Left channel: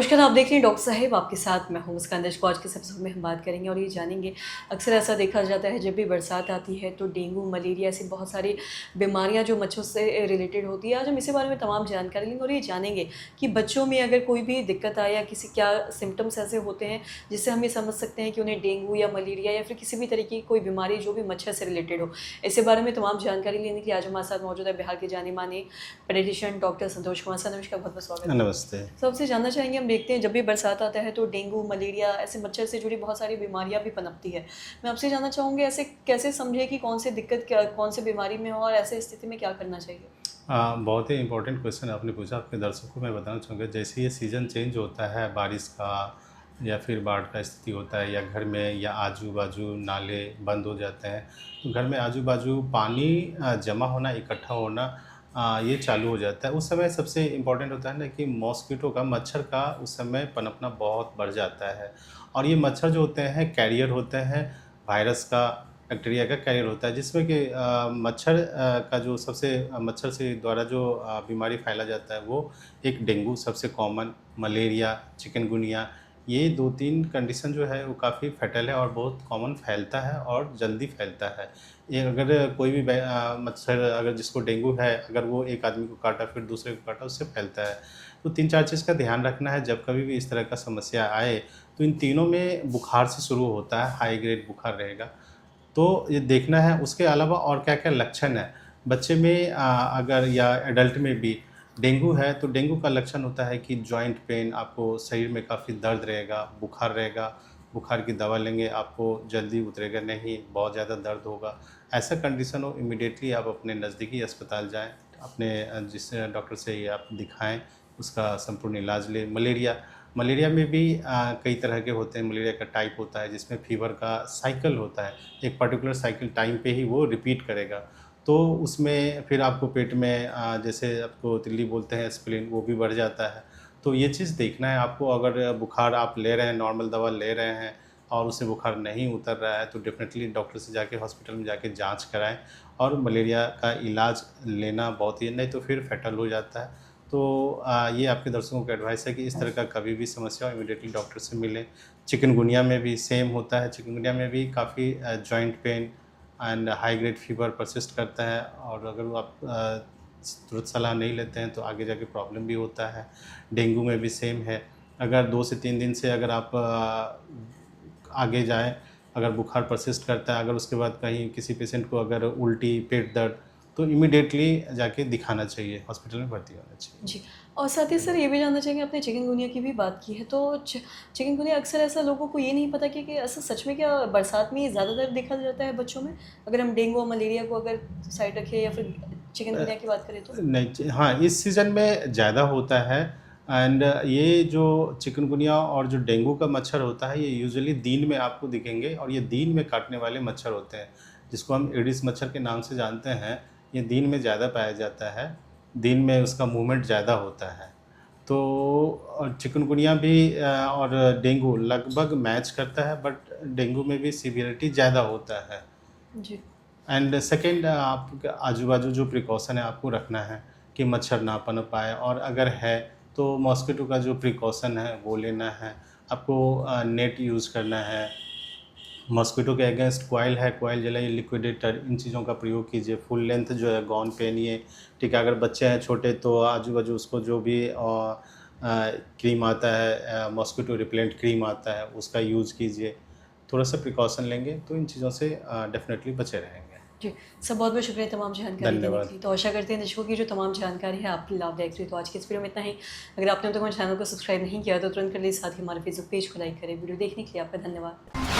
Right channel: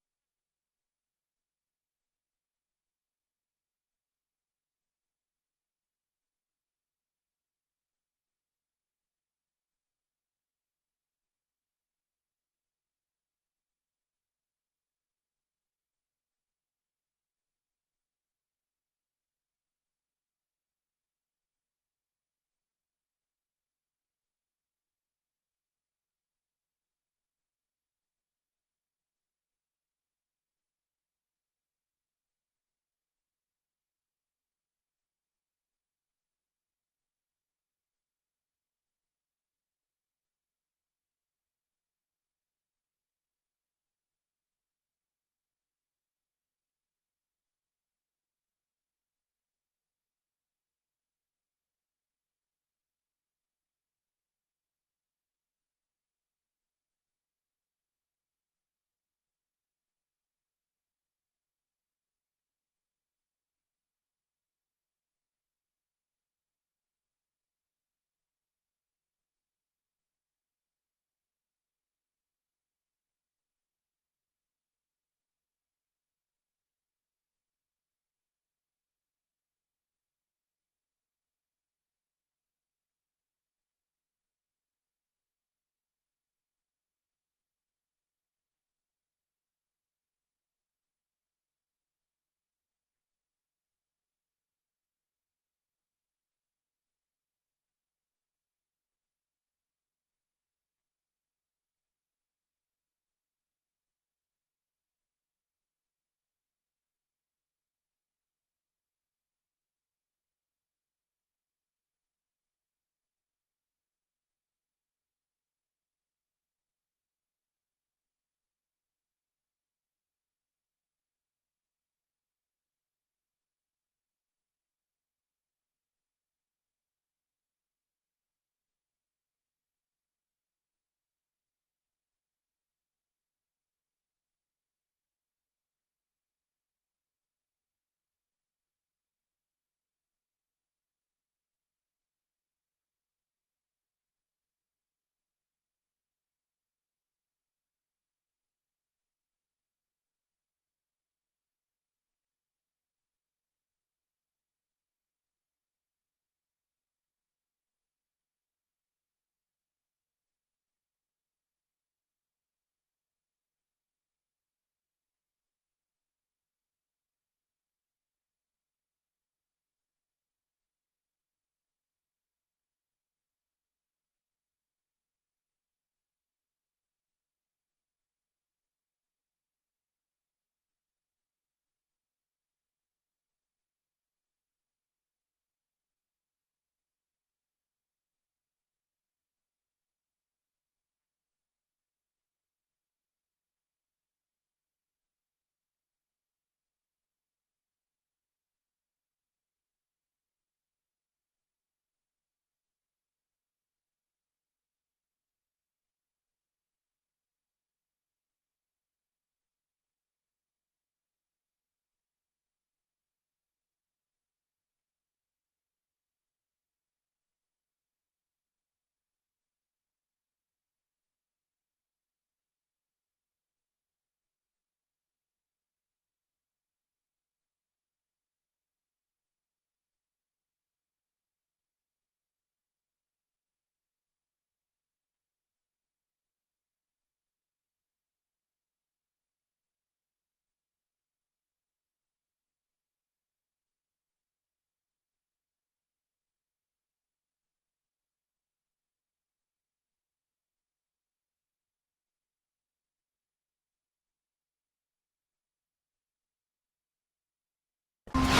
नमस्कार, आप देख रहे हैं डॉक्टर साहिब, आपके साथ मैं हूँ मुस्कान दर्शकों। आज के इस एपिसोड में हम बात करेंगे और ये जानेंगे, अक्सर ऐसा देखा जाता है जब भी बरसात आती है तो डेंगू, मलेरिया ऐसी बहुत सारी बीमारियाँ जो मच्छरों से रिलेटेड होती है। आज हम इसी बारे में तमाम जानकारी लेंगे और ये जानेंगे कि बच्चों में अगर कोई भी दिक्कत आए या किसी क्या सिम्पटम्स ऐसे होते हैं जिससे हम ये समझ सकते हैं कि उन्हें डेंगू या मलेरिया या फिर किसी भी तरीके की कोई बीमारी जो भी मच्छर से रिलेटेड हो। इसी बारे में तमाम जानकारी लेने के लिए आज हमारे साथ मौजूद है बिहार के जाने-माने paediatrician doctor Santosh Kumar sir. नमस्कार, बहुत-बहुत स्वागत है। नमस्ते। सबसे जानना चाहेंगे, हम देखते हैं जब भी बरसात आता है तो डेंगू, मलेरिया ऐसे मच्छर से जुड़ी बहुत सारी बीमारियां भी पनपती है। मैं आपसे जानना चाहूँगी, ऐसे कैसे समझे कि कौन सी दिक्कत क्या कौन सी बीमारी में हो और ऐसे स्थिति में क्या करना चाहिए? बहुत ही इम्पोर्टेंट क्वेश्चन आपने पूछा। आपके दर्शकों को मैं बताना चाहूँगा, जैसे ये सीज़न चेंज होता है बारिश का या फिर बाढ़ का स्थिति होता है या घर में या आजू-बाजू नाले बंद हो जाते हैं, तो घर में आजू-बाजू पानी जमा होना, इकट्ठा होना ये चालू हो जाता है। उस समय सबसे इम्पोर्टेंट होता है ना कि मॉस्किटो का, मच्छर का उस समय पनपना बहुत बढ़ जाता है। और ये मच्छर जो होते हैं कैरियर होते हैं वायरस का, बैक्टीरिया का कैरियर होता है, जिसमें कि मच्छर का जो सबसे मच्छर से द्वारा जो बीमारी फैला जाता है वो एक डेंगू सबसे कॉमन, मलेरिया, चिकनगुनिया, ये 2-3 कंडीशन जो है वो काफ़ी फैटल है और बहुत कॉमन फैलता है और जल्दी फैलता है। ये अगर कोई भी मच्छर अगर जिसको डेंगू है, अगर वो एक आदमी को काटा फिर दूसरे को काटा, उससे फैलता है। तो 3-4 चीज़ का ध्यान रखना है जब कभी भी इस तरह का समस्या आए। तो इन तीनों में बुखार से शुरू होता है, हाई ग्रेड बुखार रहेगा। तो ये देखना है उसके अलावा और क्या-क्या लक्षण हैं। बच्चे में अगर या एडल्ट में भी डेंगू है, तो डेंगू का लक्षण होता है कि जॉइंट पेन, आपको शरीर में काफ़ी दर्द रहेगा, बुखार रहेगा, बुखार की दवा लेंगे आपको जल्दी उतरेगा नहीं, बहुत ज़्यादा दर्द होगा। ऐसा कंडीशन हो इमीडिएटली आप अपने नज़दीकी अस्पताल जाएँ, अपने जिस डॉक्टर से ये आप दिखाएँ, उसका संपूर्ण इलाज लें। मलेरिया मलेरिया में भी कई तरह के होते हैं। मलेरिया का टाइप होता है जिसमें फ़ीवर का साइकिल होता है, एक पर्टिकुलर साइकिल टाइम पे ही वो रिपीट करेगा। तो उसमें फिर आपको पेट में जैसे आपको तिल्ली बोलते हैं, स्प्लीन, वो भी बढ़ जाता है। तो ये चीज़ देखना है आपको। अगर बुखार आप ले रहे हैं, नॉर्मल दवा ले रहे हैं और उससे बुखार नहीं उतर रहा है, तो डेफ़िनेटली डॉक्टर से जाके हॉस्पिटल में जाके जाँच कराएँ और मलेरिया का इलाज लेना बहुत ही, नहीं तो फिर फैटल हो जाता है। तो ये आपके दर्शकों को एडवाइस है कि इस तरह का कभी भी समस्या हो इमीडिएटली डॉक्टर से मिलें। चिकनगुनिया में भी सेम होता है। चिकनगुनिया में भी काफ़ी joint pain and high grade fever persist करता है और अगर वो आप तुरंत सलाह नहीं लेते हैं तो आगे जाके प्रॉब्लम भी होता है। डेंगू में भी सेम है। अगर 2 से 3 दिन से अगर आप आगे जाएँ, अगर बुखार परसिस्ट करता है, अगर उसके बाद कहीं किसी पेशेंट को अगर उल्टी, पेट दर्द, तो इमीडिएटली जाके दिखाना चाहिए, हॉस्पिटल में भर्ती होना चाहिए। जी। और साथ ही सर ये भी जानना चाहेंगे, आपने चिकनगुनिया की भी बात की है तो चिकनगुनिया अक्सर ऐसा लोगों को ये नहीं पता कि ऐसा सच में क्या बरसात में ये ज़्यादातर देखा जाता है बच्चों में? अगर हम डेंगू और मलेरिया को अगर साइड रखें या फिर अ, चिकनगुनिया की बात करें तो? नहीं हाँ, इस सीज़न में ज़्यादा होता है एंड ये जो चिकनगुनिया और जो डेंगू का मच्छर होता है, ये यूजुअली दिन में आपको दिखेंगे और ये दिन में काटने वाले मच्छर होते हैं, जिसको हम एडिस मच्छर के नाम से जानते हैं। ये दिन में ज़्यादा पाया जाता है, दिन में उसका मूवमेंट ज़्यादा होता है। तो और चिकनगुनिया भी और डेंगू लगभग मैच करता है, बट डेंगू में भी सीवियरिटी ज़्यादा होता है। जी। एंड सेकंड, आपके आजू-बाजू जो प्रिकॉशन है आपको रखना है कि मच्छर ना पनप पाए, और अगर है तो मॉस्किटो का जो प्रिकॉशन है वो लेना है। आपको नेट यूज़ करना है। मॉस्किटो के अगेंस्ट कॉइल है, कॉइल जलाइए, लिक्विडेटर, इन चीज़ों का प्रयोग कीजिए। फुल लेंथ जो है गाउन पहनिए, ठीक है? अगर बच्चे हैं छोटे तो आजू-बाजू उसको जो भी क्रीम आता है, मॉस्किटो रिपेलेंट क्रीम आता है, उसका यूज़ कीजिए। थोड़ा-सा प्रिकॉशन लेंगे तो इन चीज़ों से डेफ़िनेटली बचे रहेंगे। जी, सर बहुत-बहुत शुक्रिया तमाम जानकारी देने के धन्यवाद। लिए। तो आशा करते हैं दर्शकों की जो तमाम जानकारी है आपके लाभदायक रही। तो आज के इस वीडियो में इतना ही। अगर आपने अब तक हमारे चैनल को सब्सक्राइब नहीं किया तो तुरंत कर लीजिए, साथ ही हमारे फेसबुक पेज को लाइक करें। वीडियो देखने के लिए आपका धन्यवाद।